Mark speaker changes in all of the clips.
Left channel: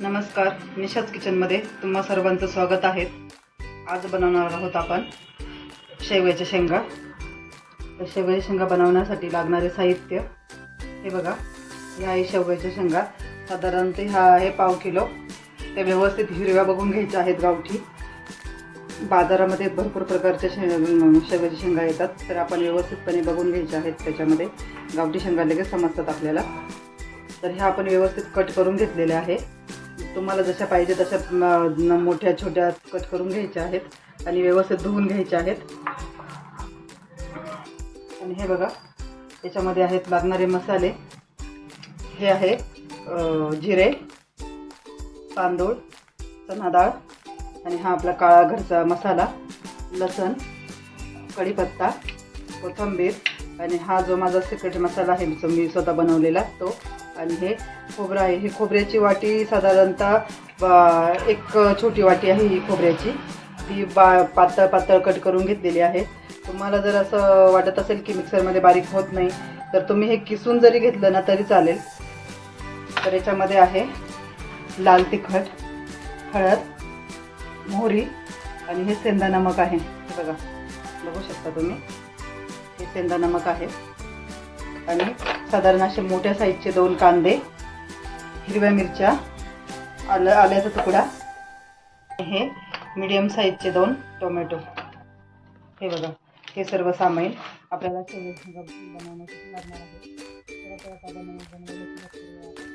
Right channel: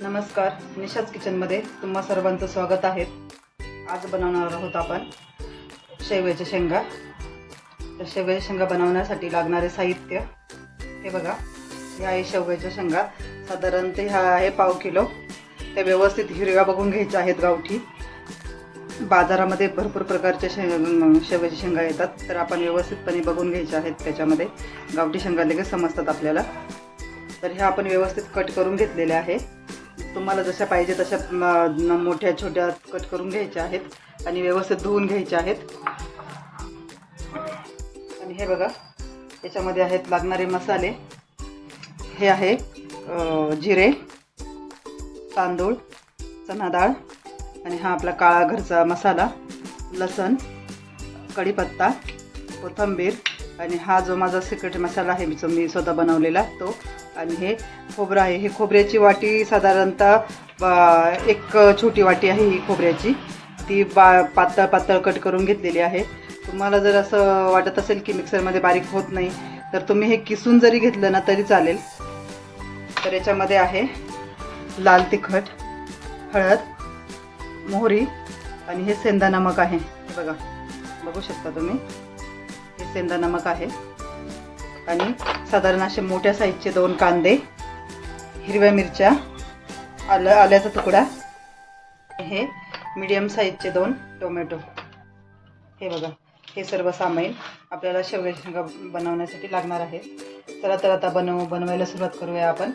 Speaker 1: नमस्कार निशाच किचनमध्ये तुम्हा सर्वांचं स्वागत आहे. आज बनवणार आहोत आपण शेवयाच्या शेंगा. तर शेवयाच्या शेंगा बनवण्यासाठी लागणारे साहित्य हे बघा. ह्या आहे शेवयाच्या शेंगा. साधारणतः ह्या आहे पाव किलो. ते व्यवस्थित हिरव्या बघून घ्यायच्या आहेत गावठी. बाजारामध्ये भरपूर प्रकारच्या शे शेवयाच्या शेंगा येतात. तर आपण व्यवस्थितपणे बघून घ्यायच्या आहेत त्याच्यामध्ये. गावठी शेंगा लगेच समजतात आपल्याला. तर ह्या आपण व्यवस्थित कट करून घेतलेल्या आहे तुम्हाला जशा पाहिजे तशा मोठ्या छोट्या कट करून घ्यायच्या आहेत आणि व्यवस्थित धुवून घ्यायच्या आहेत. आणि हे बघा याच्यामध्ये आहेत लागणारे मसाले. हे आहे जिरे तांदूळ चना डाळ आणि हा आपला काळा घरचा मसाला लसण कढीपत्ता कोथिंबीर आणि हा जो माझा सिक्रेट मसाला आहे जो मी स्वतः बनवलेला तो आणि हे खोबरं आहे. ही खोबऱ्याची वाटी साधारणतः एक छोटी वाटी आहे ही खोबऱ्याची. ती बा पातळ पातळ कट करून घेतलेली आहे. तुम्हाला जर असं वाटत असेल की मिक्सरमध्ये बारीक होत नाही तर तुम्ही हे किसून जरी घेतलं ना तरी चालेल. तर याच्यामध्ये आहे लाल तिखट हळद मोहरी आणि हे सेंदा नमक आहे. बघा बघू शकता तुम्ही? हे सेंदा नमक आहे. आणि साधारण असे मोठ्या साईजचे दोन कांदे हिरव्या मिरच्या आलं आल्याचा तुकडा हे मीडियम साईजचे दोन टोमॅटो हे बघा हे सर्व सामान आपल्याला शेवग्याची शेंगा बनवण्यासाठी लागणार आहे चला तर आता बनव बनवायला सुरुवात करूया आपण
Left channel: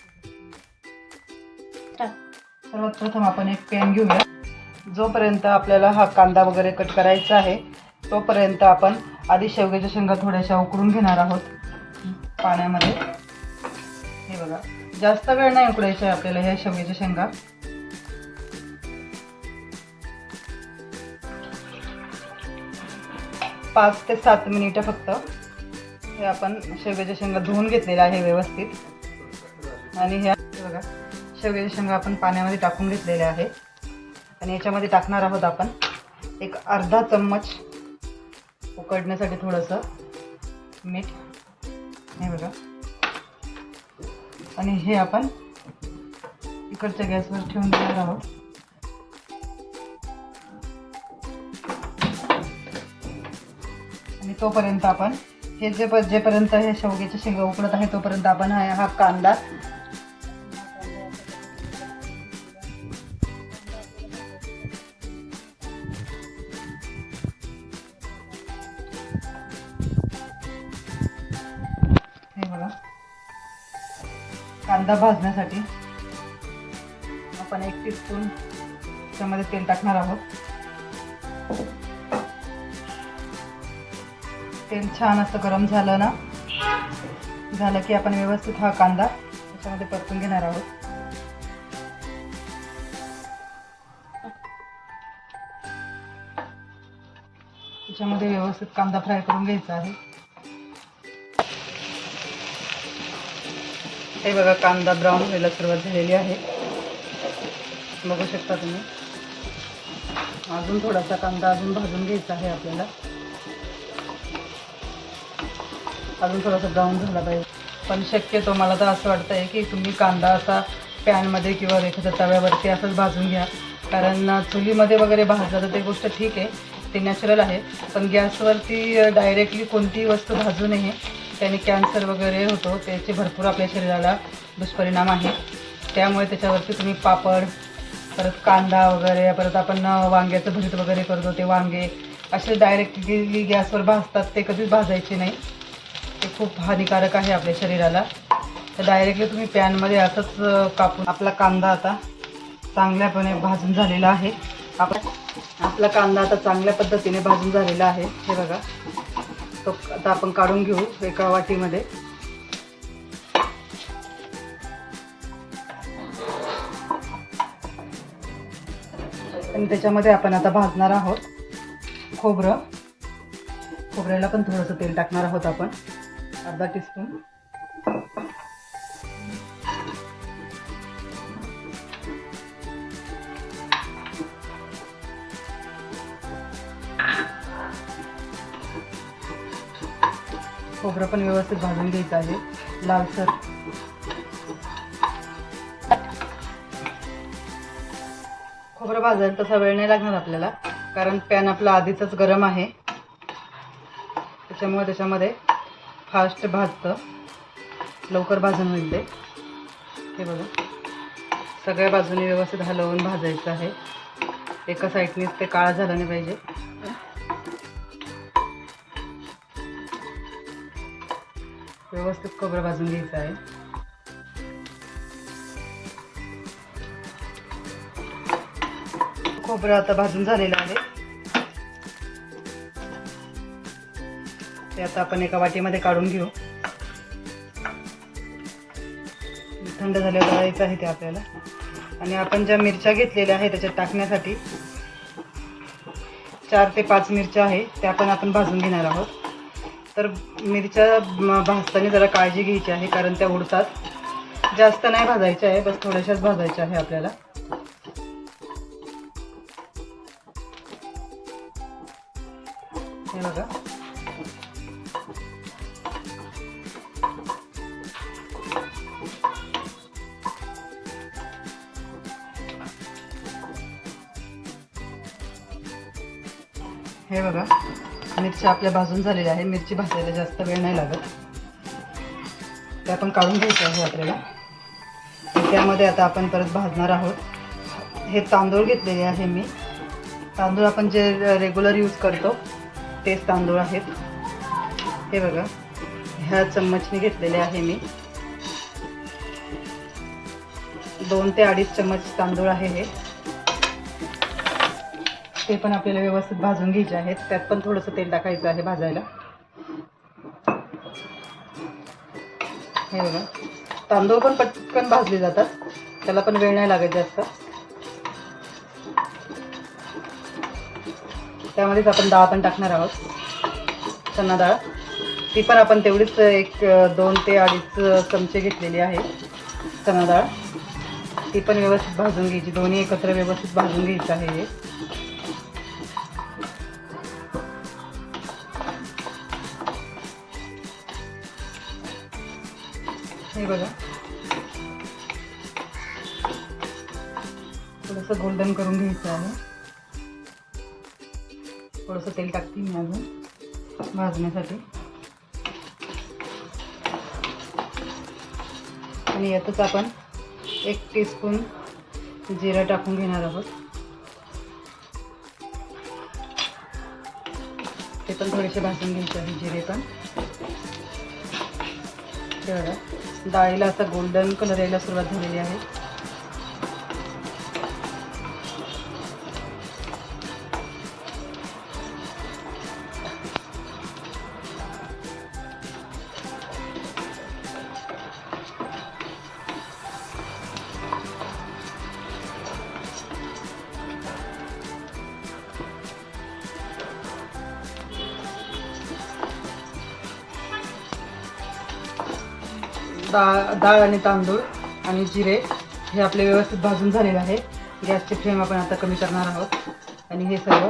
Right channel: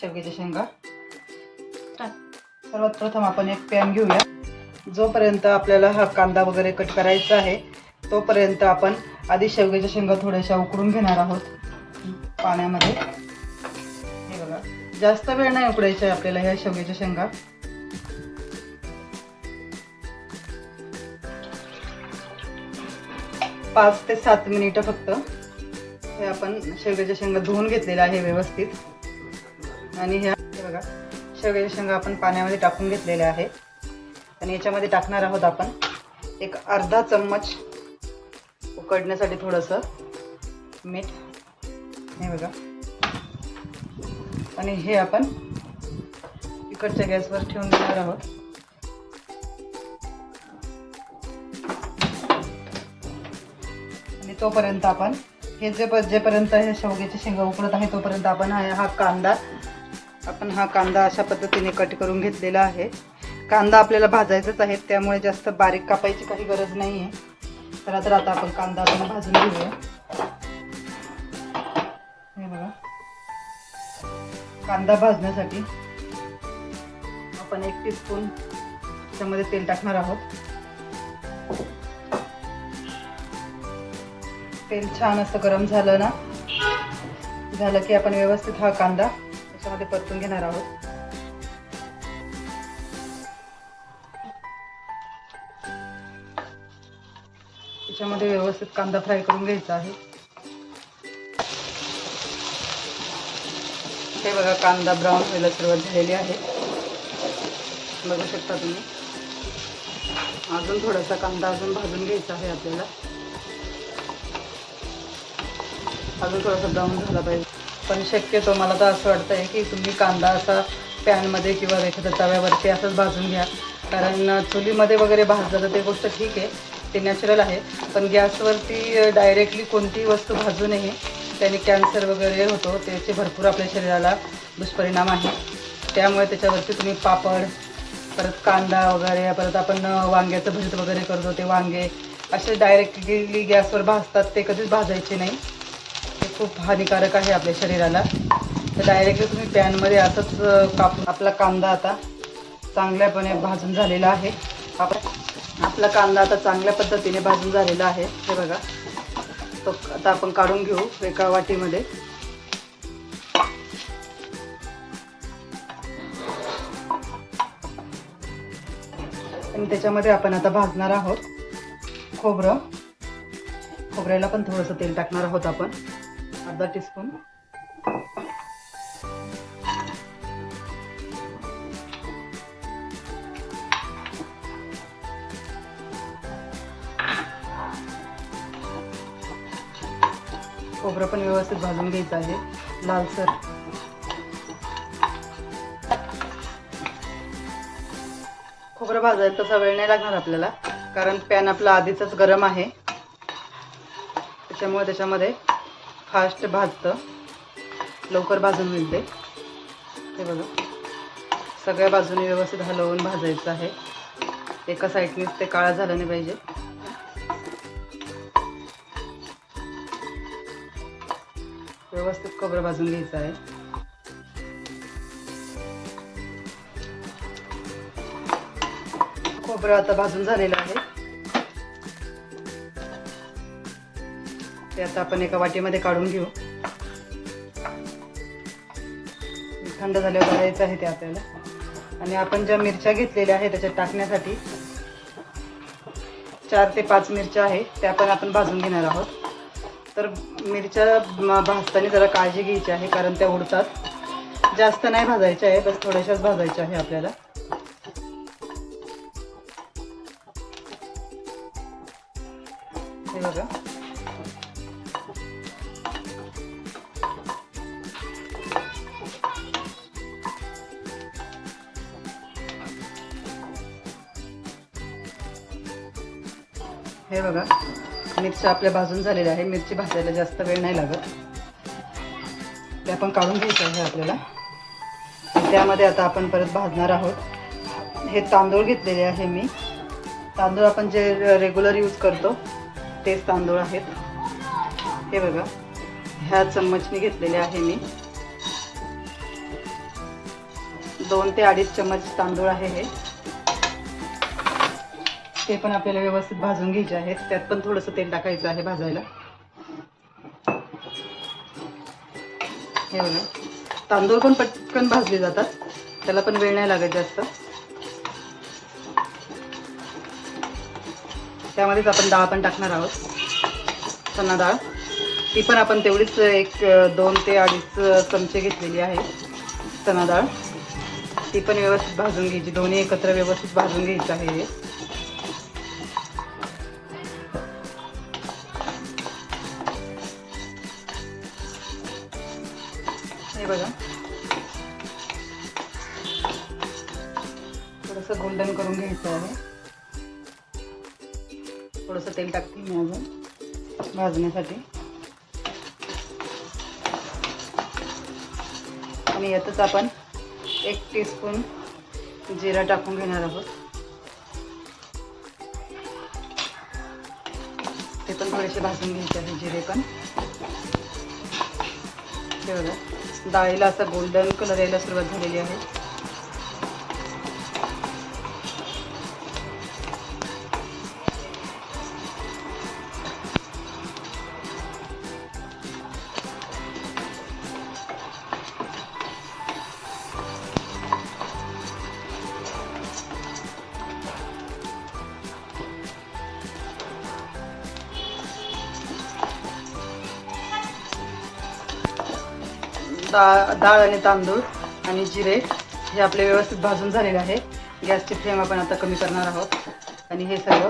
Speaker 1: शेवग्याच्या शेंगा. सर्वात प्रथम आपण एक पॅन घेऊया. जोपर्यंत आपल्याला हा कांदा वगैरे कट करायचा आहे तोपर्यंत आपण आधी शेवग्याच्या शेंगा थोड्याशा उकडून घेणार आहोत पाण्यामध्ये. हे बघा जास्त वेळ नाही उकडायचा आहे आपल्याला ह्या शेवग्याच्या शेंगा. पाच ते सात मिनिटं फक्त हे आपण शेवग्याच्या शेंगा धुवून घेतलेल्या आहे व्यवस्थित. आणि ह्या हे बघा शेवग्याच्या शेंगा आपण पाण्यामध्ये टाकून घेतलेल्या आहे आणि याच्यामध्ये टाकणार आहोत आपण एक अर्धा चम्मच उकडण्यासाठी थोडंसं मीठ. हे बघा. आणि हे आपण इकडच्या गॅसवर ठेवून देणार आहोत. आणि तोपर्यंत आपण हे जे प- जेपर्यंत हे शेवग्याचे शेंगा उकडत आहे तोपर्यंत आपण हा हा कांदा आपण हा कांदा अशा पद्धतीने कट करून घेतलेला आहे. कांदा आपल्याला भाजायचाच आहे त्यामुळे जास्त बारीक कापायची काही गरज नाही आहे तर आता आपण कांदा आपण भाजून घेऊया. हे बघा. कांदा भाजण्यासाठी आपण एक टीस्पून त्यामध्ये तेल टाकणार आहोत. तेल छान असं गरम झालं ना झालं की आपण व्यवस्थित हा कांदा त्याच्यामध्ये परतून घेणार आहोत. त्याच्यामध्ये व्यवस्थित कांदा फ्राय करून घ्यायचा आहे. हे बघा कांदा ब्राऊन व्हायला सुरुवात झालेली आहे. बघू शकता तुम्ही. अजून थोडासा कांदा अजून भाजून घ्यायचा आहे आपल्याला. अजून थोडासा ब्राऊन झाला पाहिजे. पण शक्यतो मला तर असं वाटतं आहे की तुम्ही कांदा असा पॅनमध्ये किंवा एखाद्या तव्यावरती असंच भाजून घ्या. कारण चुलीमध्ये वगैरे भाजलं तर ते गोष्ट ठीक आहे. ते नॅचरल आहे. पण गॅसवरती डायरेक्टली कोणतीही वस्तू भाजू नये. त्याने कॅन्सर वगैरे होतो त्याचे भरपूर आपल्या शरीराला दुष्परिणाम आहे त्यामुळे त्याच्यावरती तुम्ही पापड परत कांदा वगैरे परत आपण वांग्याचं भरीत वगैरे करतो ते वांगे असे डायरेक्टली गॅसवर भाजतात ते कधीच भाजायचे नाही. ते खूप हानिकारक आहे आपल्या शरीराला. तर डायरेक्टली तुम्ही पॅनमध्ये असंच कापून आपला कांदा आता चांगल्यापणे भाजून झालेला आहे. आपण आपला कांदा आता चांगल्या पद्धतीने भाजून झालेला आहे. हे बघा. तो आता आपण काढून घेऊ एका वाटीमध्ये. आणि त्याच्यामध्ये आपण आता भाजणार आहोत खोबरं. खोबऱ्याला पण थोडंसं तेल टाकणार आहोत आपण. अर्धा टीस्पून खोबरं पण व्यवस्थित भाजून घ्यायचं आहे. लालसर खोबरं भाजायला तसा वेळ नाही लागणार आपल्याला कारण पॅन आपला आधीच गरम आहे. त्याच्यामुळे त्याच्यामध्ये फास्ट भाजतं. लवकर भाजून मिळते ते. हे बघा. सगळ्या बाजूने व्यवस्थित हलवून भाजायचं आहे. एका साईडनेच ते काळा झालं नाही पाहिजे. व्यवस्थित खोबरं भाजून घ्यायचं आहे. खोबरं आता भाजून झालेलं आहे. ते आता आपण एका वाटीमध्ये काढून घेऊ. थंड झाल्यावर करायचं आहे ते आपल्याला. आणि आपण ज्या मिरच्या घेतलेल्या आहेत त्याच्यात टाकण्यासाठी चार ते पाच मिरच्या आहे त्या पण आपण भाजून घेणार आहोत. तर मिरच्या भाजताना जरा काळजी घ्यायची आहे कारण त्या उडतात. जास्त नाही भाजायच्या आहे बस थोड्याशाच भाजायच्या आहे आपल्याला. मिरची आपल्या भाजून झालेल्या आहे मिरची भाजायला जास्त वेळ नाही लागत. ते आपण काढून घ्यायचं आहे आपल्याला. त्यामध्ये आता आपण परत भाजणार आहोत. हे तांदूळ घेतलेले आहे मी. तांदूळ आपण जे रेग्युलर यूज करतो तेच तांदूळ आहेत. हे बघा ह्या चम्मचने घेतलेले आहे मी. दोन ते अडीच चम्मच तांदूळ आहे हे. ते पण आपल्याला व्यवस्थित भाजून घ्यायचे आहेत. त्यात पण थोडंसं तेल टाकायचं आहे भाजायला. हे बघा. तांदूळ पण पटकन भाजले जातात. त्याला पण वेळ नाही लागत जास्त. त्यामध्येच आपण डाळ पण टाकणार आहोत. चणा डाळ. ती पण आपण तेवढीच एक दोन ते अडीच चमचे घेतलेली आहे. चना डाळ. ती पण व्यवस्थित भाजून घ्यायची. दोन्ही एकत्र व्यवस्थित भाजून घ्यायचं आहे. अजून आणि यातच आपण एक टीस्पून जिरा टाकून घेणार आहोत. ते पण थोडेसे भाजून घ्यायचे आहे जिरे पण. डाळीला असं गोल्डन कलर यायला सुरुवात झालेली आहे. डाळ डाळ आणि तांदूळ आणि जिरे हे आपले व्यवस्थित भाजून झालेले आहे. गॅसची फ्लेम आपण आता कमी करणार आहोत. आणि हे सर्व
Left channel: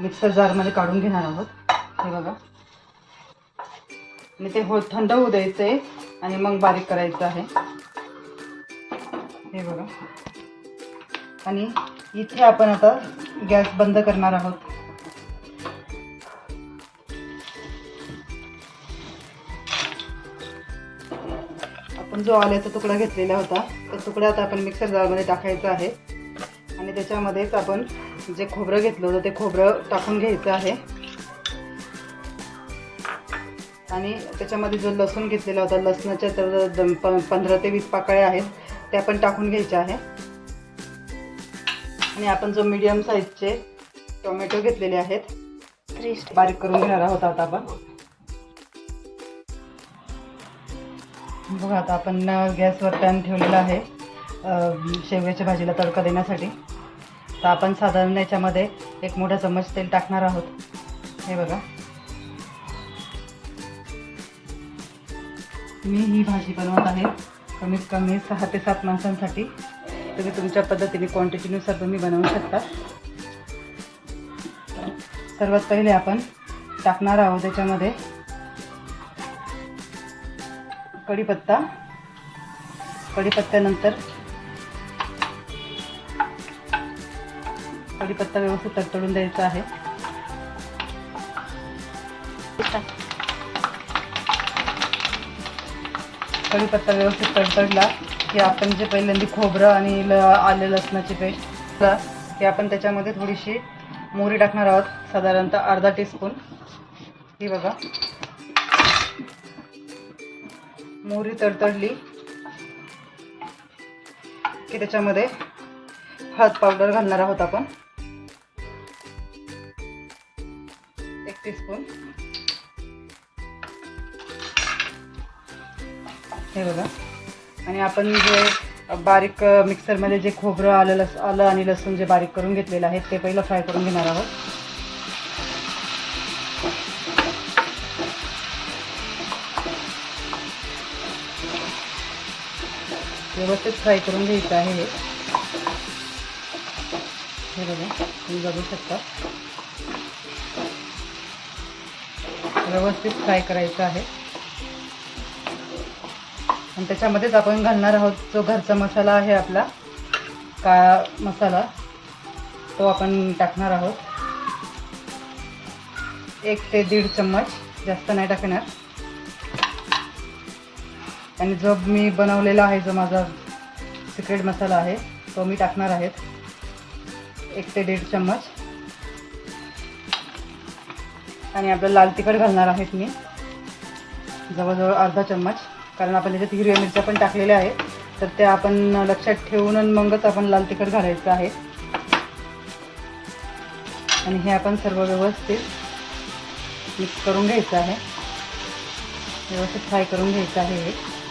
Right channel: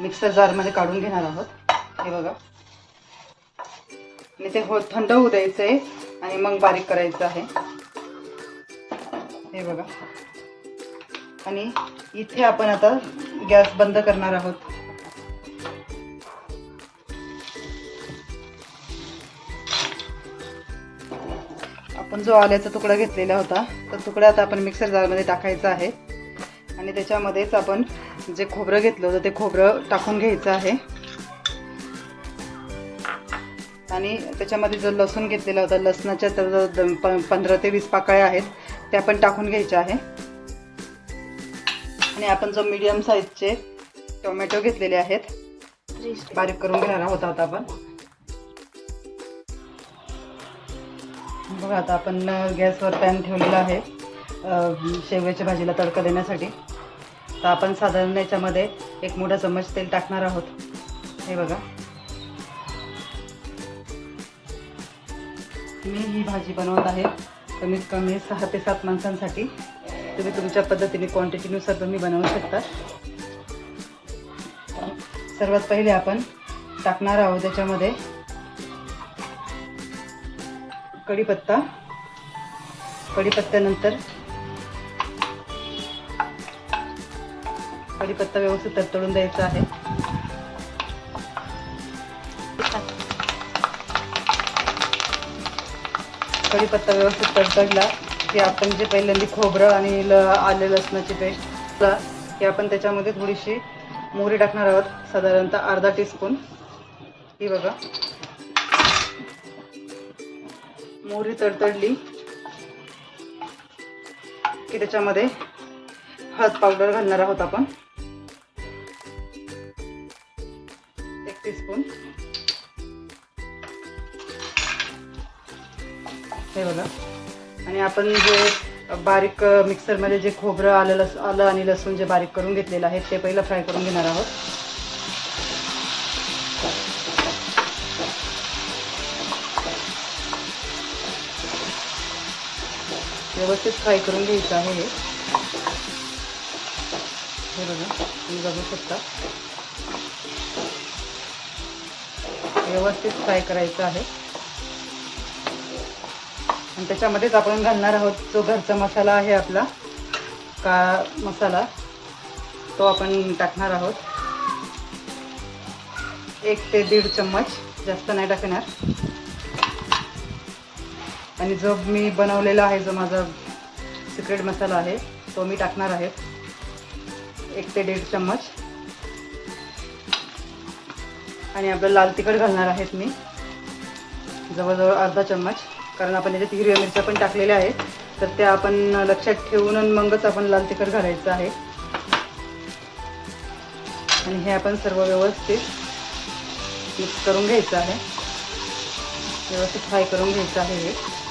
Speaker 1: मिक्सर जारमध्ये काढून घेणार आहोत. हे बघा. आणि ते हो थंड होऊ द्यायचं आहे आणि मग बारीक करायचं आहे. हे बघा. आणि इथे आपण आता गॅस बंद करणार आहोत. आपण जो आल्याचा तुकडा घेतलेला होता तो तुकडा आता आपण मिक्सर जारमध्ये टाकायचा आहे. आणि त्याच्यामध्येच आपण जे खोबरं घेतलं होतं ते खोबरं टाकून घ्यायचं आहे. आणि त्याच्यामध्ये जो लसूण घेतलेला होता लसणाच्या तर पंधरा ते वीस पाकळ्या आहेत त्या पण टाकून घ्यायच्या आहे. आणि आपण जो मीडियम साईजचे टोमॅटो घेतलेले आहेत बारीक करून घेणार आहोत आता आपण. बघा आता आपण गॅसवर पॅन ठेवलेला आहे शेव्याच्या भाजीला तडका देण्यासाठी. तर आपण साधारण याच्यामध्ये एक मोठा चम्मच तेल टाकणार आहोत. हे बघा. मी ही भाजी बनवत आहे कमीत कमी सहा ते सात माणसांसाठी. तुम्ही तुमच्या पद्धतीने क्वांटिटीनुसार तुम्ही बनवू शकता. सर्वात पहिले आपण टाकणार आहोत त्याच्यामध्ये कढीपत्ता. कढीपत्त्यानंतर कढीपत्ता व्यवस्थित तडतडून द्यायचा आहे. कढीपत्ता व्यवस्थित तडतडला की आपण जे पहिल्यांदा खोबरं आणि ल आलं लसणाची पेस्ट हे आपण त्याच्यामध्ये थोडीशी मोहरी टाकणार आहोत. साधारणतः अर्धा टीस्पून ही बघा. मोहरी तडतडली. की त्याच्यामध्ये हळद पावडर घालणार आहोत आपण. एक टीस्पून हे बघा. आणि आपण जे बारीक मिक्सरमध्ये जे खोबरं आलं लस आलं आणि लसूण जे बारीक करून घेतलेलं आहे ते पहिलं फ्राय करून घेणार आहोत. व्यवस्थित फ्राय करून घ्यायचं आहे हे. हे बघा तुम्ही बघू शकता. व्यवस्थित फ्राय करायचं आहे. आणि त्याच्यामध्येच आपण घालणार आहोत जो घरचा मसाला आहे आपला का मसाला तो आपण टाकणार आहोत. एक ते दीड चम्मच जास्त नाही टाकणार. आणि जो मी बनवलेला आहे जो माझा सिक्रेट मसाला आहे तो मी टाकणार आहे. एक ते दीड चम्मच. आणि आपलं लाल तिखट घालणार आहेत मी. जवळजवळ अर्धा चम्मच. कारण आपण त्याच्यात हिरव्या मिरच्या पण टाकलेल्या आहेत. तर त्या आपण लक्षात ठेवून आणि मगच आपण लाल तिखट घालायचं आहे. आणि हे आपण सर्व व्यवस्थित मिक्स करून घ्यायचं आहे. व्यवस्थित फ्राय करून घ्यायचं आहे हे.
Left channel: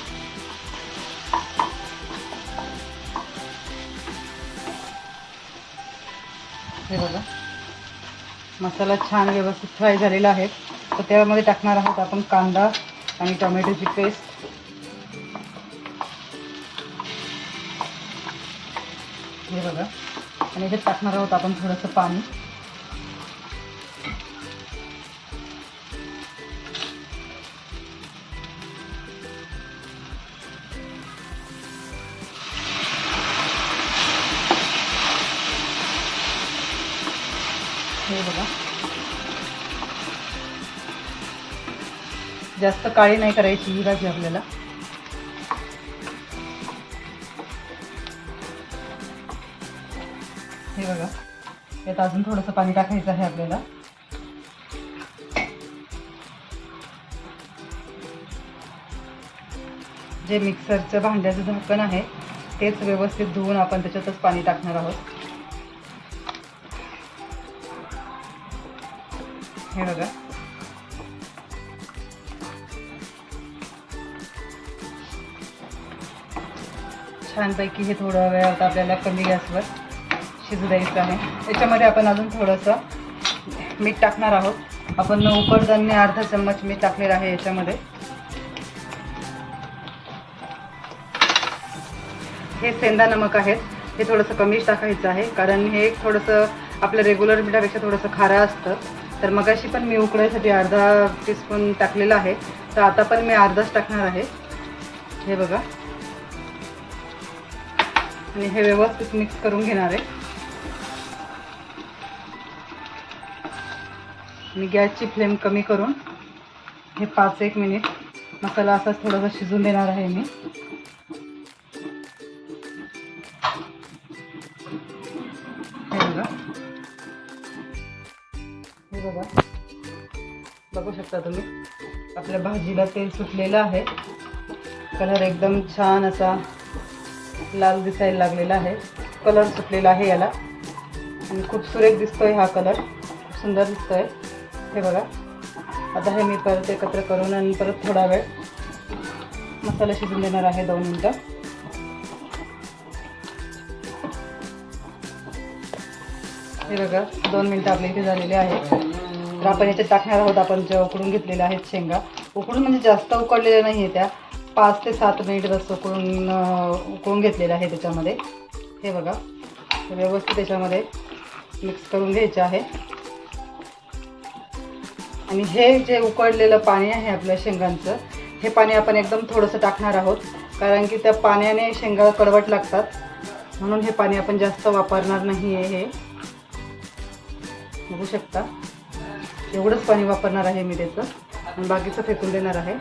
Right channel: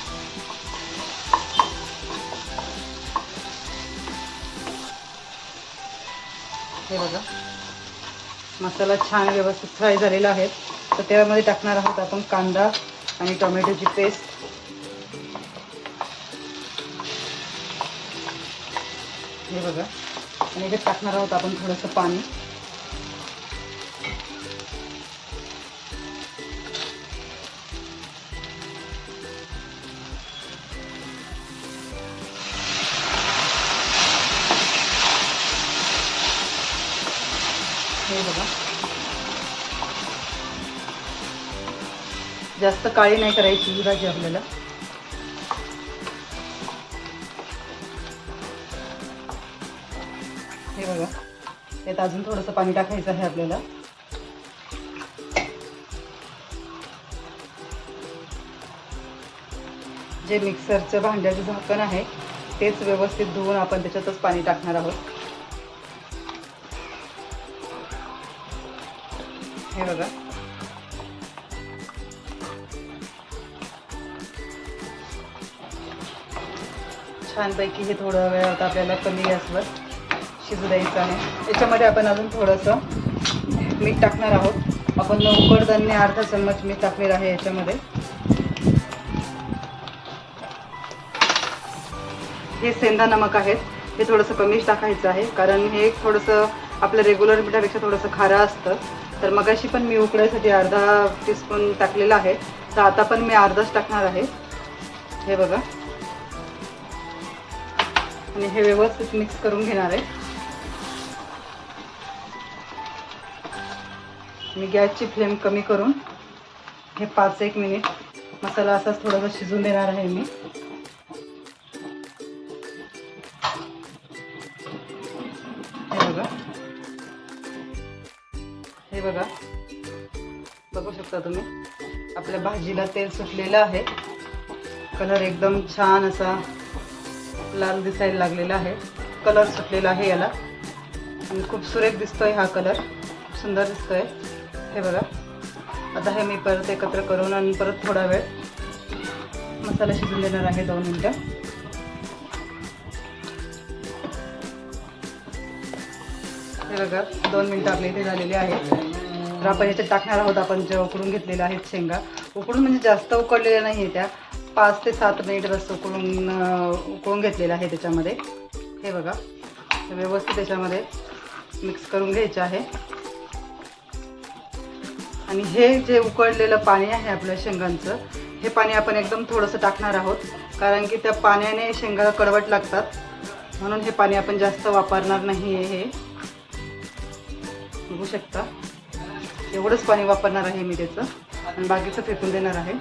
Speaker 1: हे बघा मसाला छान व्यवस्थित फ्राय झालेला आहे. तर त्यामध्ये टाकणार आहोत आपण कांदा आणि टोमॅटोची पेस्ट. हे बघा. आणि याच्यात टाकणार आहोत आपण थोडंसं पाणी. जास्त काळी नाही करायची ही भाजी आपल्याला. हे बघा यात अजून थोडंसं पाणी टाकायचं आहे आपल्याला. जे मिक्सरचं भांड्याचं झाकण आहे तेच व्यवस्थित धुवून आपण त्याच्यातच पाणी टाकणार आहोत. हे बघा. छानपैकी हे थोडं वेळात आपल्याला कमी गॅसवर शिजू द्यायचं आहे. याच्यामध्ये आपण अजून थोडंसं मीठ टाकणार आहोत. आपण उकडताना अर्धा चम्मच मीठ टाकलेलं आहे याच्यामध्ये. हे सेंदा नमक आहेत. हे थोडंसं कमीच टाकायचं आहे कारण हे थोडंसं आपलं रेग्युलर मिठापेक्षा थोडंसं खारं असतं. तर मगाशी पण मी उकडायसाठी अर्धा टीस्पून टाकलेला आहे. तर आता पण मी अर्धाच टाकणार आहे. हे बघा. आणि हे व्यवस्थित मिक्स करून घेणार आहे. मी गॅसची फ्लेम कमी करून हे पाच एक मिनिट मसाला असाच थोडासा शिजून देणार आहे मी. हे बघा. हे बघा. बघू शकता तुम्ही आपल्या भाजीला तेल सुटलेलं आहे. कलर एकदम छान असा लाल दिसायला लागलेला आहे. कलर सुटलेला आहे याला. आणि खूप सुरेख दिसतोय हा कलर खूप सुंदर दिसतोय. हे बघा. आता हे मी परत एकत्र करून आणि परत थोडा वेळ मसाला शिजून देणार आहे दोन मिनटं. हे बघा. दोन मिनटं आपल्या इथे झालेले आहेत. तर आपण याच्यात टाकणार आहोत. आपण जे उकडून घेतलेलं आहेत शेंगा. उकडून म्हणजे जास्त उकडलेल्या नाही आहे त्या. पाच ते सात मिनिट बस करून उकळून घेतलेलं आहे त्याच्यामध्ये. हे बघा. व्यवस्थित त्याच्यामध्ये मिक्स करून घ्यायचं आहे. आणि हे जे उकडलेलं पाणी आहे आपल्या शेंगांचं हे पाणी आपण एकदम थोडंसं टाकणार आहोत. कारण की त्या पाण्याने शेंगा कडवट लागतात. म्हणून हे पाणी आपण जास्त वापरणार नाही आहे हे. बघू शकता. एवढंच पाणी वापरणार आहे मी त्याचं. आणि बाकीचं फेकून देणार आहे.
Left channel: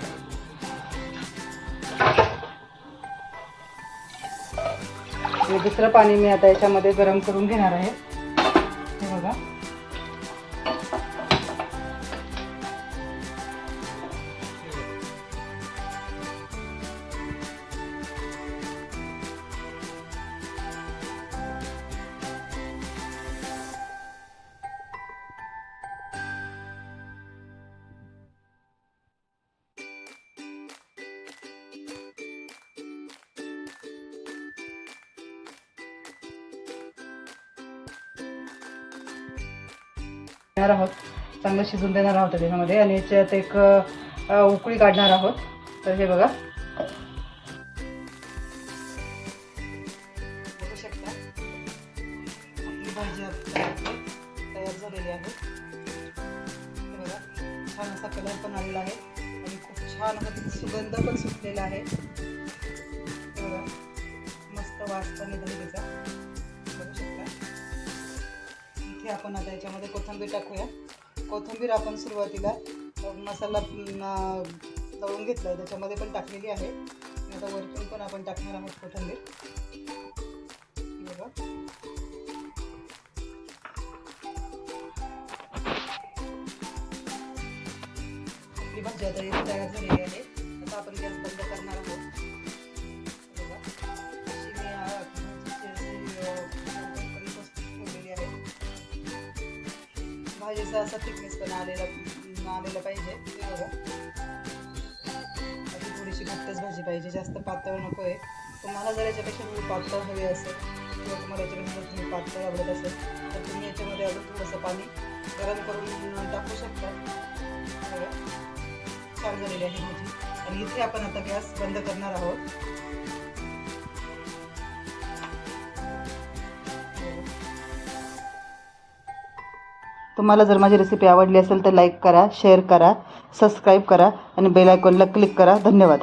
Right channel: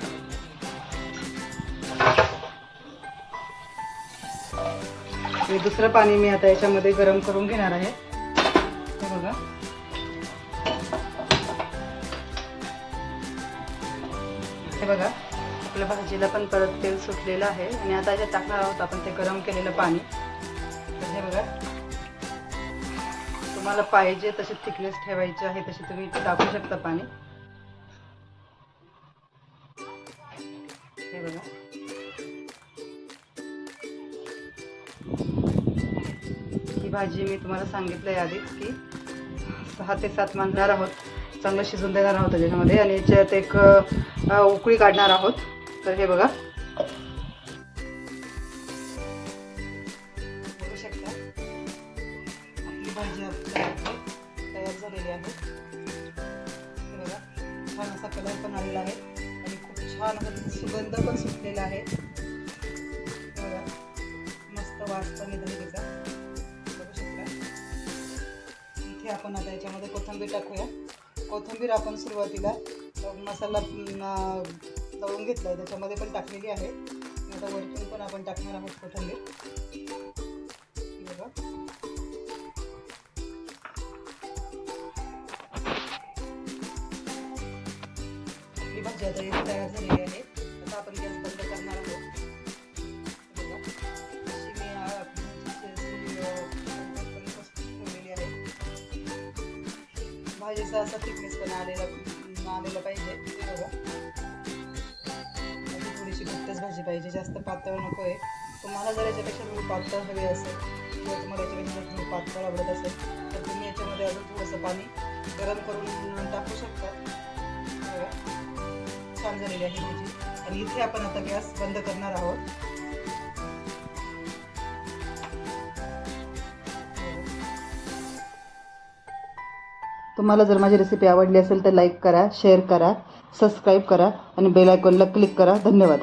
Speaker 1: हे दुसरं पाणी मी आता याच्यामध्ये गरम करून घेणार आहे. हे बघा. हे बघा. आपल्या भाजीला पण परत तेल सुटलेलं आहे. आणि आता जे टाकणार आहोत आपण ते गरम केलेलं पाणी. हे बघा. तुम्हाला पाहिजे तशी थिकनेस ठेवायची आहे तशी तुम्ही टाकू शकता पाणी. मी तुम्हाला सांगितलंय आधीच की सहा ते सात मानणार आहोत. चांगलं शिजून देणार आहोत त्याच्यामध्ये आणि याच्यात एक उकळी काढणार आहोत. तर हे बघा. बघू शकता. आपली भाजी तयार झालेली आहे. हे बघा छान असा कलर पण आलेला आहे आणि खूप छान असा सुगंध पण सुटलेला आहे. बघा मस्त वास पण येतो आपण आता याच्यामध्ये कोथिंबीर टाकूया. कोथिंबीर आपण सुरुवातीला मसाला अं, तळून घेतला आहे त्याच्यामध्ये पण टाकलेली आहे. आता वरतून पण आपण टाकणार आहोत कोथिंबीर. बघा. आपली भाजी आता इथे तयार झालेली आहे. आता आपण गॅस बंद करणार आहोत. असा थिकनेस पण आलेला आलेला पाहिजे बघा. अशी थोडीशी घट्टच भाजी पाहिजे जास्त पातळ नको आहे तुम्हाला जर याच्यापेक्षा थोडी पातळ हवी असेल किंवा तुम्हाला याच्यापेक्षा जर थोडी पातळ आवडत असेल तर तुम्ही याच्यामध्ये अजून थोडंसं पाणी गरम करून टाकू शकता. बघा. छान झालेली आहे भाजी. आणि इथे आपण आता गॅस बंद करणार आहोत. तुम्हाला जर माझी रेसिपी आवडली असेल तर लाईक करा शेअर करा सबस्क्राईब करा आणि बेल आयकॉनला क्लिक करा. धन्यवाद.